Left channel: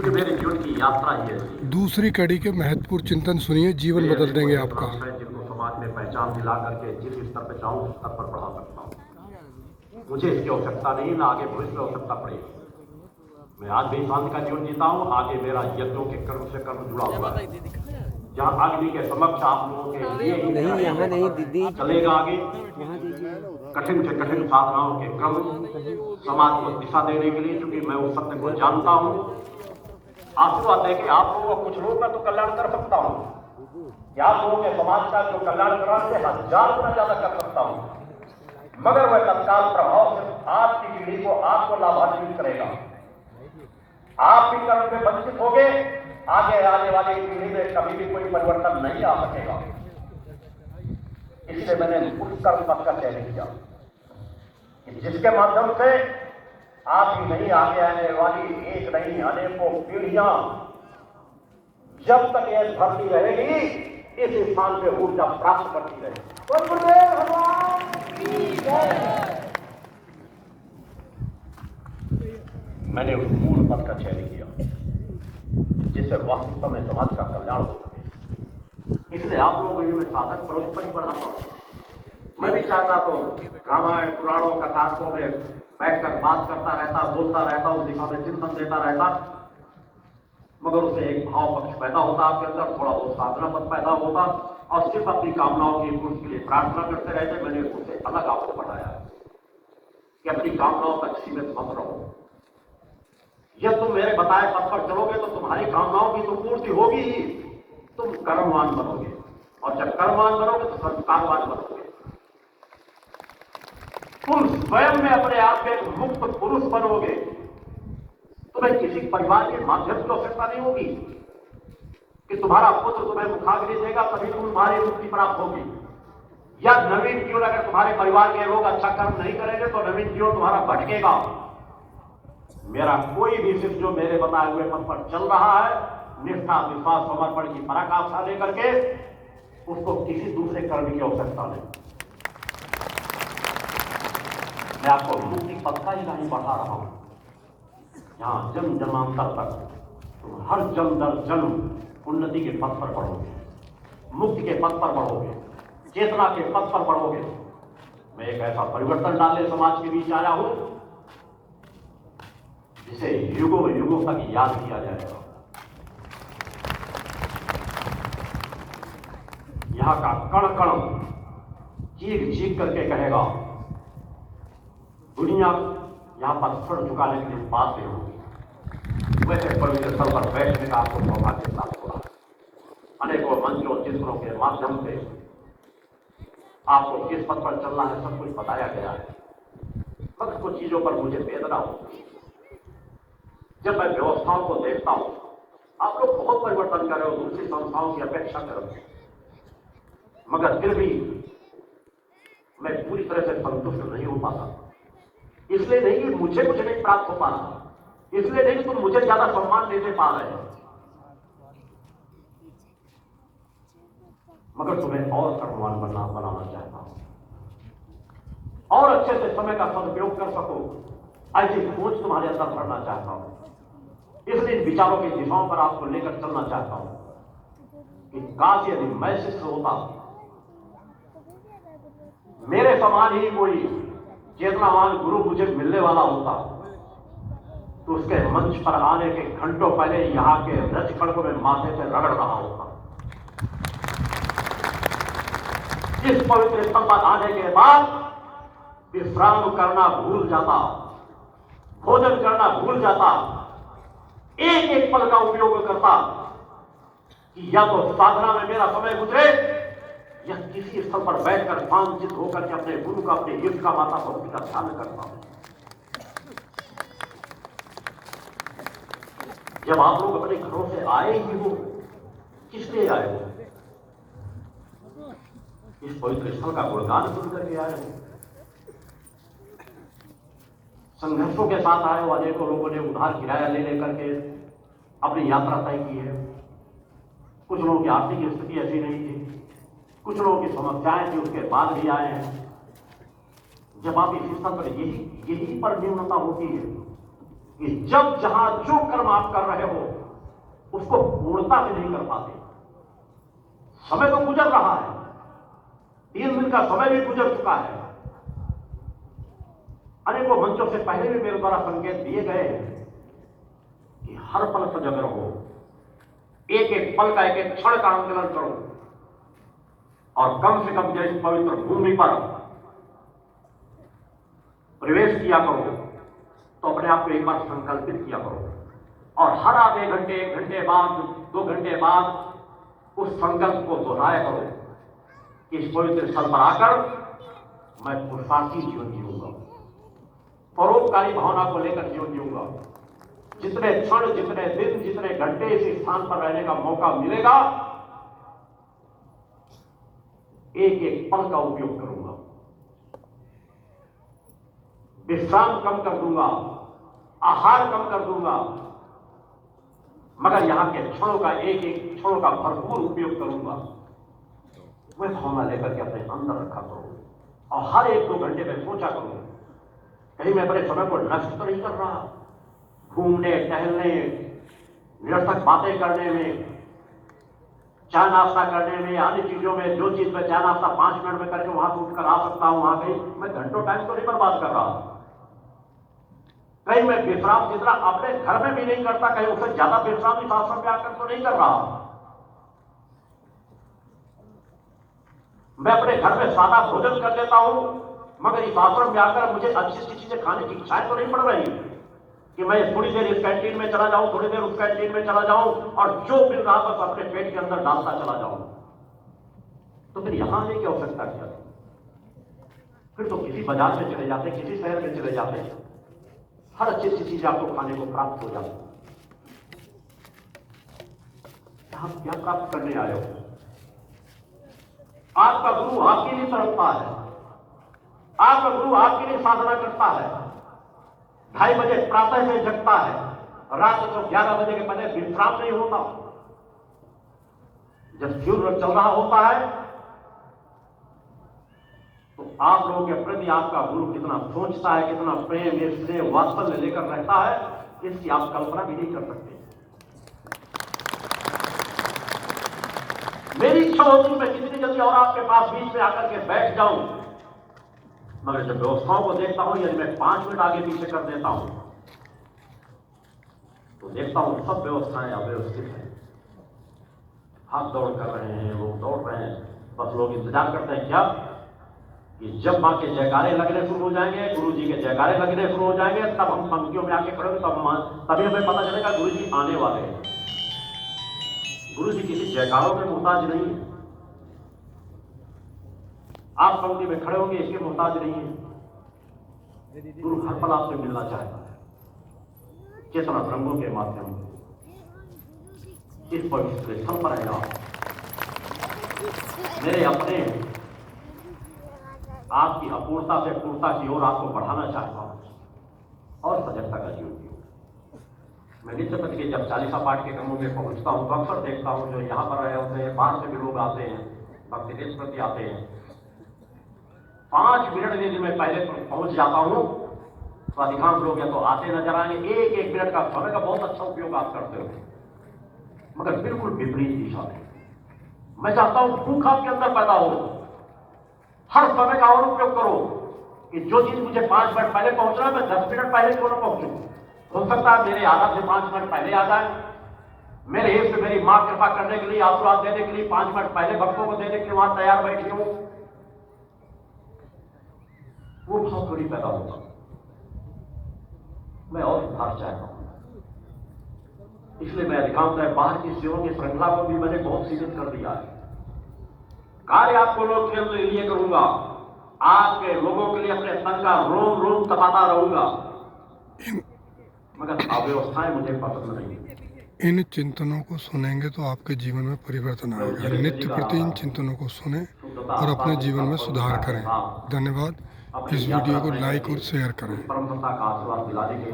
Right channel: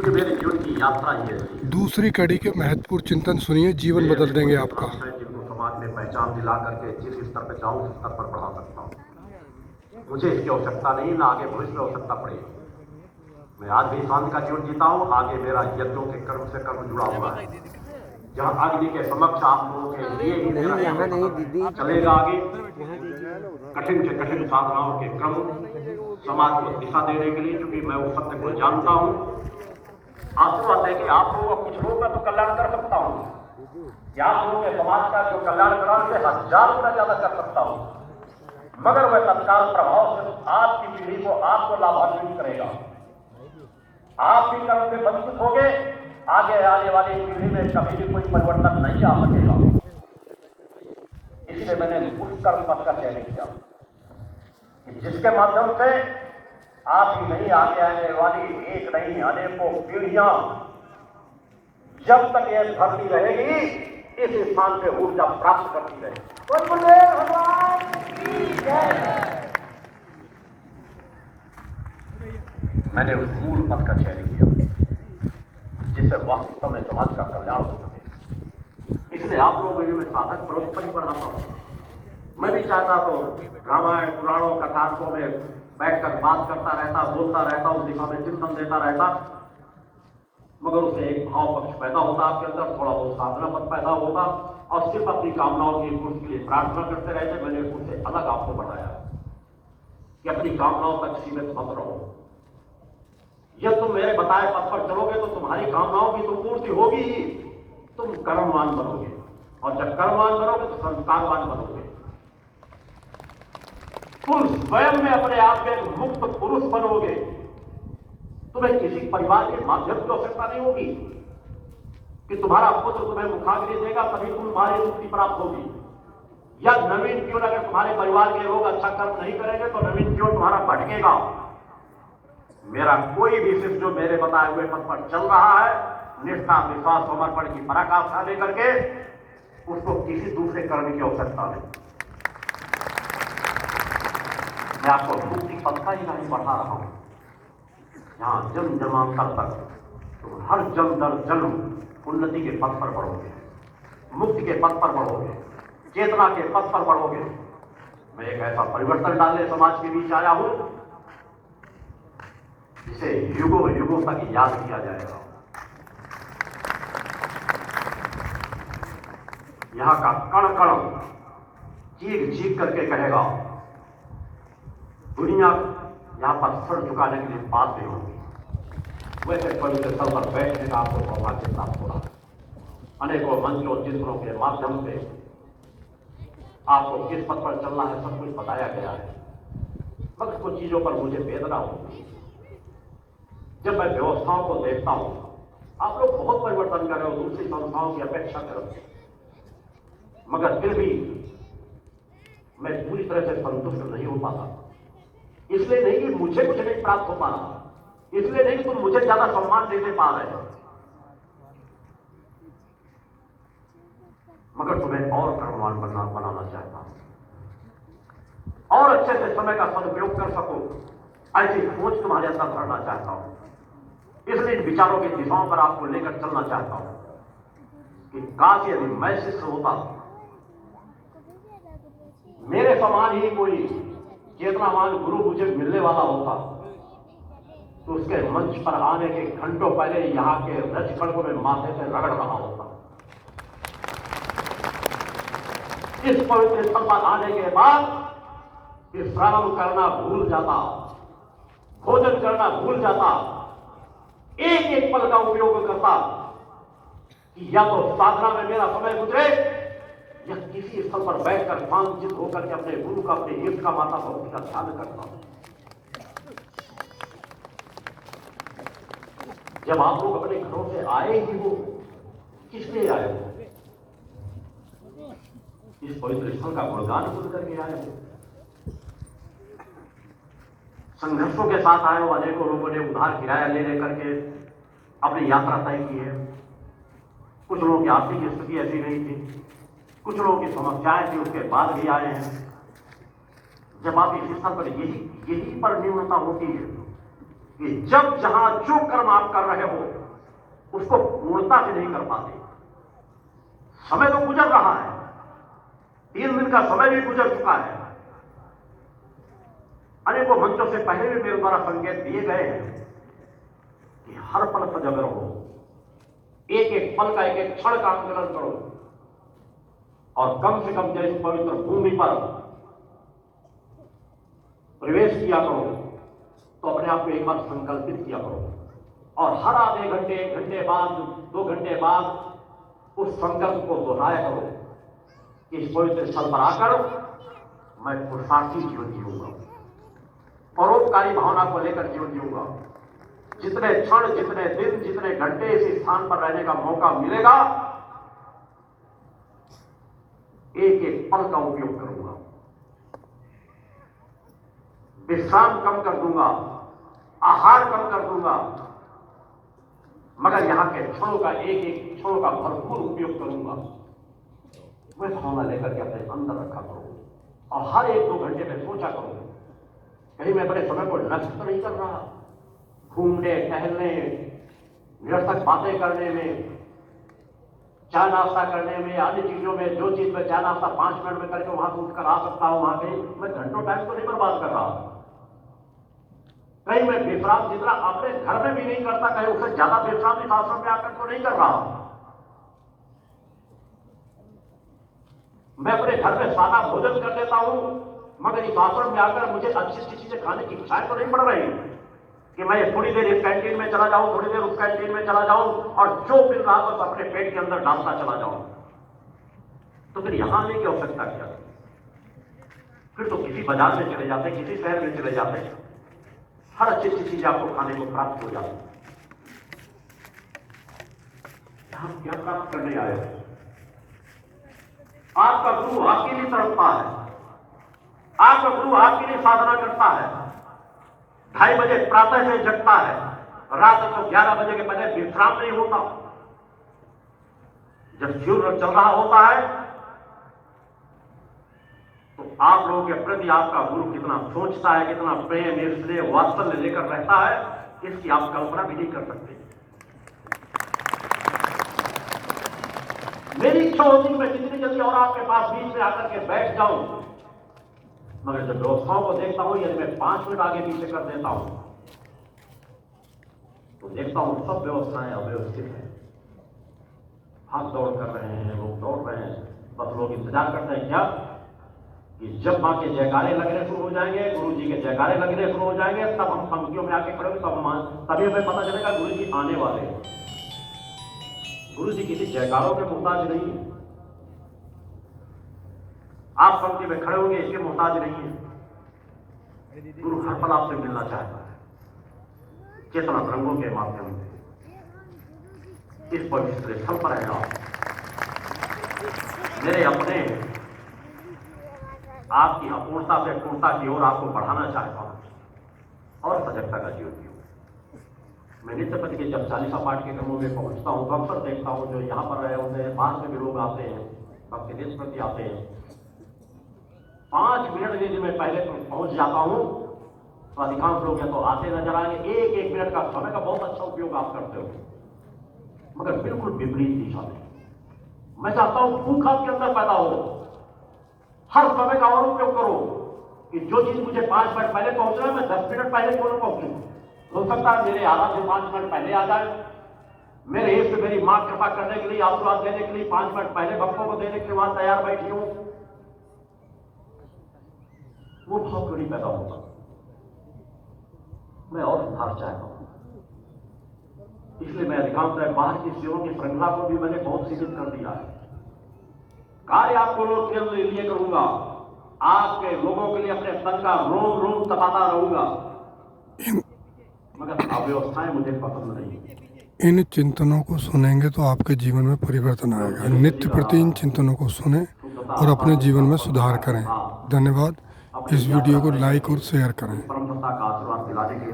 क्योंकि मेरी जीवन की यात्रा ये थी। दूसरी कड़ी के महत्वपूर्ण चिंतन सुनिए, जीवन बदल देंगे आपका। जिनको समाज में पहचान दिला करके जिस स्तर पर चाहूं उस स्तर पर बढ़ा सकता हूं। मुझे इसकी आवश्यकता नहीं, ना आगे भविष्य में आवश्यकता पड़ेगी। मैं आज भी शांति का जीवन जीता हूं। आगे मेरा यज्ञों के कर्म से कर्म जुड़ा हुआ है। जहां अग्नि के समक्ष आप लोगों के लिए ही नहीं, यहाँ नहीं दीदी, चलेगा आगे। कठिन से कठिन साधनाओं के क्रम समाज को दिशा देने के लिए, क्योंकि मैं वो सत्य को जानता हूं। आपको बात है कि आप लोगों का कुछ लोग मैं तो कल्याण कर सकता हूं। आप लोगों के समाज का जो कल्याण करा से 1000 गुना ज्यादा कर सकता हूं, मगर वह तत्काल प्रभाव से आपकी पीढ़ी को आपको लाभान्वित करेगा। आप भी कर्म से वंचित होगे, आगे आने वाली पीढ़ी में कभी भी कोई परिवर्तन नहीं आ सकेगा। इसलिए मैंने उस कर्म पथ का चयन किया कि जिसके माध्यम से आपकी नहीं आगे आने वाली एक नहीं अनेकों पीढ़ियां जब तक यह धरती रहेगी इस स्थान पे ऊर्जा प्राप्त करती रहेगी। गुरुदेव भगवान की जय। मैंने उस मूल पथ का चयन किया जिससे वास्तव में समाज का कल्याण हो सके। इसलिए आप लोगों में साधक परोपकारी बढ़ना पड़ा। मैं भी चाहता तो रामायण पुराणों कथाओं में बैठकर बात करता रहता, बोलता रहता, उस दिशा में चिंतन देता रहता, मगर उसे एक भाव पक्ष पैदा होता आपके अंदर, थोड़ा बहुत साधना पक्ष पैदा होता और सिर्फ अपनी कामनाओं की पूर्ति के लिए प्रार्थना करते रहते। मैंने उससे अलग आपको बढ़ाया कि अपनी कामनाओं तक सीमित मत रहो। जब तुम मेरे बताए पथ पर चलोगे तो तुम्हारी कामनाओं की तो पूर्ति होगी ही, तुम कर्मवान बनोगे, और जब कर्मवान बनोगे तो संस्कारवान बनोगे। तुम स्वयं में अपने आप में एक मुक्त पुरुष बनोगे। तुम्हें किसी परिवार के माध्यम की आवश्यकता नहीं होगी कि तुम्हारा पुत्र तुम्हें मुखाग्नि देगा तभी तुम्हारी मुक्ति प्राप्त होगी, या नवीन जीवन अगर तुम्हारे परिवार के लोग अच्छा कर्म नहीं करेंगे तो नवीन जीवन तुम्हारा भटकेगा। मेरा कोई भी शिष्य जो मेरे बताए हुए पथ पर चल रहा है, निष्ठा विश्वास समर्पण की पराकाष्ठा लेकर के, उसको किसी दूसरे कर्म की आवश्यकता नहीं। मैं आपको मुक्ति पथ का ही नहीं बढ़ा रहा हूं, जहां जन्म जन्मांतर तक तुम हर जन्म दर जन्म उन्नति के पथ पर बढ़ोगे, मुक्ति के पथ पर बढ़ोगे, चेतना के पथ पर बढ़ोगे। मैं एक ऐसा परिवर्तन डालने समाज के बीच आया हूं जिसे युगों युगों तक याद किया जाएगा। यहां का कण कण चीख चीख करके कहेगा, दुनिया यहां पर सिर झुकाने के लिए बातें होंगी। वैसे पवित्र स्थल पर बैठने का आपको मौका के साथ हुआ। अनेकों मंचों चित्रों के माध्यम से आपको किस पथ पर चलना है सब कुछ बताया गया है, मगर कुछ चीजों पर मुझे वेदना होती है। जब मैं व्यवस्थाओं को देखता हूं, आप लोग बहुत परिवर्तन कर रहे हो दूसरी संस्थाओं की अपेक्षा कर रहे हो, मगर फिर भी मैं पूरी तरह से संतुष्ट नहीं हो पाता। इसलिए नहीं कि मुझे कुछ नहीं प्राप्त हो पा रहा, इसलिए नहीं कि तुम मुझे ज्यादा सम्मान देते पा रहे हैं, मगर तुम्हें और कर्मवान बनाना चाहता हूं, और अच्छे से समय का सदुपयोग कर सको, ऐसी सोच तुम्हारे अंदर भरना चाहता हूं। इसलिए इन विचारों की दिशाओं पर आपको लेकर चलना चाहता हूं कि काश यदि मैं शिष्य होता, मेरे समान ही कोई चेतनावान गुरु मुझे मिलने वाला होता, तो उसके मंच पर आने के घंटों पहले यहां के रजकण को मैं माथे से रगड़ रहा होता। इस पवित्र स्थल पर आने के बाद विश्राम करना भूल जाता, भोजन करना भूल जाता, एक एक पल का उपयोग करता कि या तो साधना में मेरा समय गुजरे या किसी स्थल पर बैठकर शांतित होकर के अपने गुरु का, अपने युद्ध का, माता भक्ति का ध्यान करता हूं। जब आप लोग अपने घरों से आए ही हो, किस लिए आए हो? इस पवित्र स्थल का गुणगान सुन करके आए हो, संघर्षों के साथ आए हो। अनेकों लोगों ने उधार किराया ले लेकर के अपनी यात्रा तय की है। कुछ लोगों की आर्थिक स्थिति ऐसी नहीं थी, कुछ लोगों की समस्याएं थी, उसके बाद भी आए हैं। जब आप इस स्तर पर यही पर न्यूनता होती है कि जब जहां जो कर्म आप कर रहे हो उसको पूर्णता से नहीं कर पाते। समय तो गुजर रहा है, 3 दिन का समय भी गुजर चुका है। अनेकों मंचों से पहले भी मेरे द्वारा संकेत दिए गए हैं कि हर पल सजग रहो, एक एक पल का एक एक क्षण का आंदोलन करो, और कम से कम जैसे पवित्र भूमि पर प्रवेश किया करो तो अपने आप को एक बार संकल्पित किया करो, और हर आधे घंटे, 1 घंटे बाद, 2 घंटे बाद उस संकल्प को दोहराया करो कि इस पवित्र स्थल पर आकर मैं पुरुषार्थी जीवन जीऊंगा, परोपकारी भावना को लेकर जीवन जीऊंगा। जितने क्षण, जितने दिन, जितने घंटे इस स्थान पर रहने का मौका मिलेगा, एक एक पल का उपयोग करूंगा, विश्राम कम कर दूंगा, आहार कम कर दूंगा, मगर यहां के क्षणों का, एक एक क्षणों का भरपूर उपयोग करूंगा। वह भावना लेकर के अपने अंदर रखा करो, और हर 1-2 घंटे में सोचा करो कहीं मैं अपने समय को नष्ट तो नहीं कर रहा, घूमने टहलने, निरर्थक बातें करने में, चाय नाश्ता करने में, आदि चीजों में। जो चीज में चाय नाश्ता 5 मिनट में करके वहां से उठकर आ सकता हूं, वहां कहीं मैं घंटों टाइम तो नहीं बर्बाद कर रहा। कहीं मैं विश्राम जितना अपने घर में भी नहीं करता, कहीं उससे ज्यादा विश्राम इस आश्रम में आकर तो नहीं कर रहा। मैं अपने घर में सादा भोजन कर लेता हूं, मगर इस आश्रम में आकर मुझे अच्छी अच्छी चीजें खाने की इच्छाएं तो नहीं पड़ रही कि मैं थोड़ी देर इस कैंटीन में चला जाऊं, थोड़ी देर उस कैंटीन में चला जाऊं, और जो मिल रहा बस अपने पेट के अंदर डालता चला जाऊं। तो फिर यहां आने की आवश्यकता क्या? फिर तो किसी बाजार में चले जाते, किसी शहर में चले जाते, हर अच्छी अच्छी चीज आपको खाने को प्राप्त हो जाती। यहां क्या प्राप्त करने आए हो? आपका गुरु आपके लिए तड़पता है, आपका गुरु आपके लिए साधना करता है। 2:30 बजे प्रातः से जगता है, रात को 11 बजे के पहले विश्राम नहीं होता। जब सूर्य चल रहा होता है तो आप लोगों के प्रति आपका गुरु कितना सोचता है, कितना प्रेम, स्नेह, वात्सल्य लेकर रहता है, इसकी आप कल्पना भी नहीं कर सकते। मेरी इच्छा होती मैं जितनी जल्दी और आपके पास बीच में आकर के बैठ जाऊं, मगर जब व्यवस्थाओं को देखता हूं, यदि मैं 5 मिनट आगे पीछे कर देता हूं तो देखता हूं सब व्यवस्थाएं अव्यवस्थित हैं। भाग दौड़ कर रहे हैं, लोग दौड़ रहे हैं, बस लोग इंतजार करते हैं क्या कि जब मां के जयकारे लगने शुरू हो जाएंगे, गुरु जी के जयकारे लगने शुरू हो जाएंगे, तब हम पंक्तियों में आके खड़े होंगे, तभी हमें पता चलेगा गुरु जी आने वाले हैं। गुरु जी किसी जयकारों के मोहताज नहीं है, आप पंक्ति में खड़े होंगे इसके मोहताज नहीं है। गुरु हर पल आपसे मिलना चाहता है, चेतना रंगों के माध्यम से। इस पवित्र स्थल पर है आप मेरे अपने, आपकी अपूर्णता से पूर्णता की ओर आपको बढ़ाना चाहता हूं और सजगता का जीवन जीव। मैं नित्य पति के जब 40 पाठ के क्रमों में पहुंचता हूं तो अक्सर देखता हूं जो यहां पर रहे होते हैं, बाहर से भी लोग आते हैं, भक्ति नित्य प्रति आते हैं। 5 मिनट यदि मैं पहले पहुंच जाता हूं तो अधिकांश लोग या तो आते नजर आएंगे। एक मिनट का समय का बहुत अच्छा उपयोग आप करते हो, मगर बिल्कुल विपरीत दिशा में। मैं चाहता हूं भूख आपके अंदर पैदा हो, हर समय का और उपयोग करो कि जो चीज मुझे 5 मिनट पहले पहुंचना है, मैं 10 मिनट पहले क्यों न पहुंचूं। हो सकता है मेरे आराध्य 5 मिनट पहले आ जाए, मेरे इष्ट मेरी मां कृपा करने के लिए, आशीर्वाद देने के लिए 5 मिनट पहले भक्तों को देने के लिए वहां तैयार बैठी हूं। वो बहुत बड़ी पैदा होगा। मैं और सुधार चाहता हूं, इसलिए मैं अधिकांश बाहर की सेवाओं की श्रृंखला को भी मैंने बहुत सीमित कर दिया है। कार्य आपको लोग के लिए करूंगा, आपके लोगों के लिए अपने तन का रोम रोम तपाता रहूंगा, मगर अव्यवस्थाएं मुझे पसंद नहीं। इन चिंतनों को सुनेंगे तो आपके जीवन में परिवर्तन आएगा। नित्य प्रति इन चिंतनों को सुने और अपने जीवन में सुधार करें। धन्यवाद। इस वीडियो को लाइक और शेयर करें। परम पिता का आशीर्वाद दिलाने के लिए